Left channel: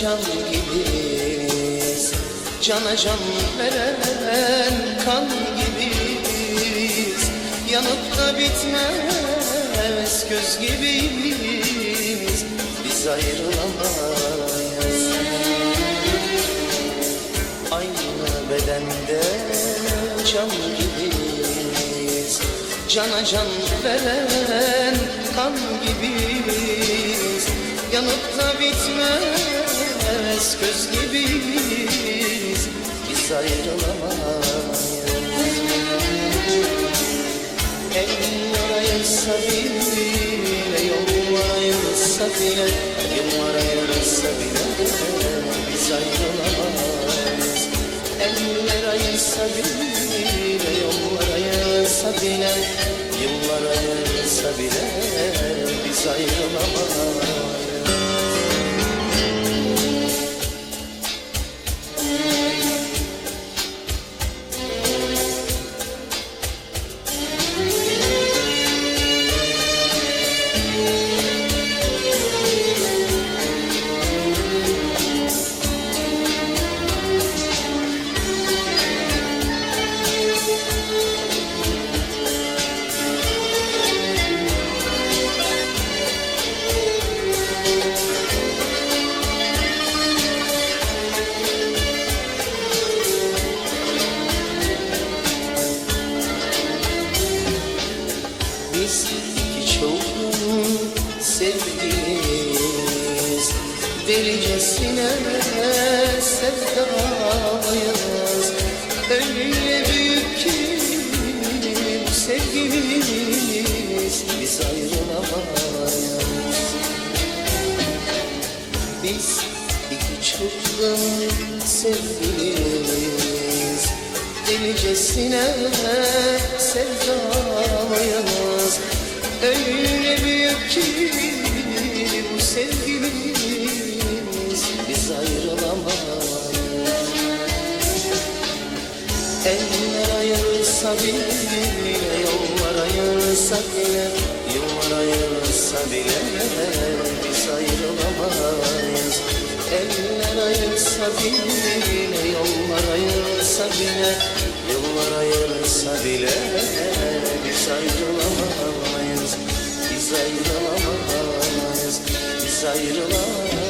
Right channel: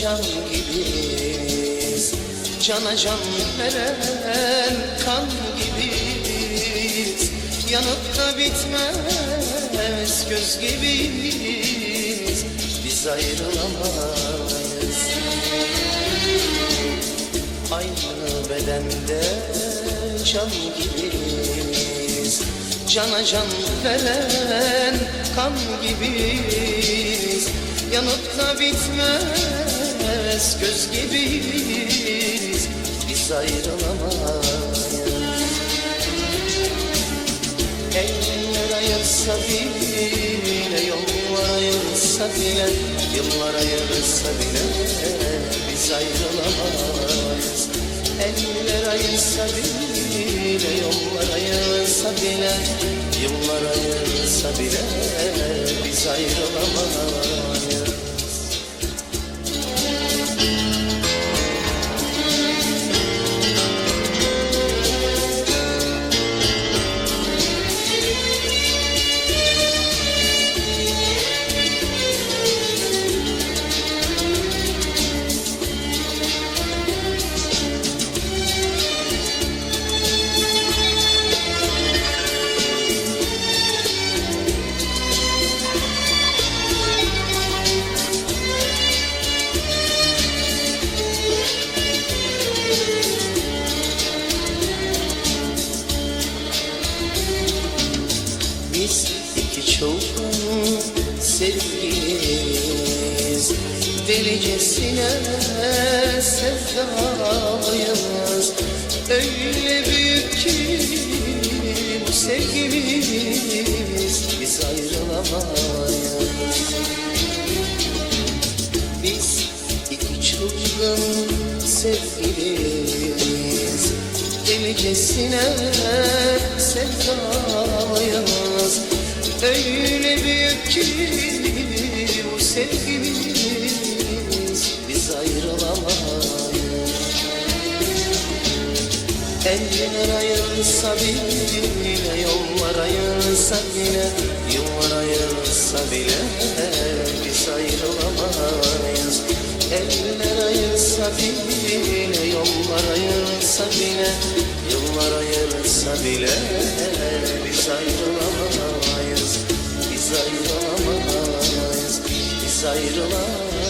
can gibiyiz. Cana can veren kan gibiyiz. Yanıp da bitmez göz gibiyiz. Biz ayrılamayız. Aynı bedende can gibiyiz. Cana can veren kan gibiyiz Yanıp da bitmez göz gibiyiz. Biz ayrılamayız. Eller ayırsa bile, yollar ayırsa bile Yıllar ayırsa bile biz ayrılamayız. Eller ayırsa bile, yollar ayırsa bile Yıllar ayırsa bile biz ayrılamayız çılgın sevgiliyiz Delicesine sevdalıyız Öyle büyük ki bu sevgimiz. Biz ayrılamayız. Biz iki çılgın sevgiliyiz. Delicesine sevdalıyız Öyle büyük ki bu sevgimiz. Biz ayrılamayız. Eller ayırsa bile, yollar ayırsa bile Yıllar ayırsa bile biz ayrılamayız. Eller ayırsa bile, yollar ayırsa bile Yıllar ayırsa bile biz ayrılamayız Biz ayrılamayız, biz ayrılamayız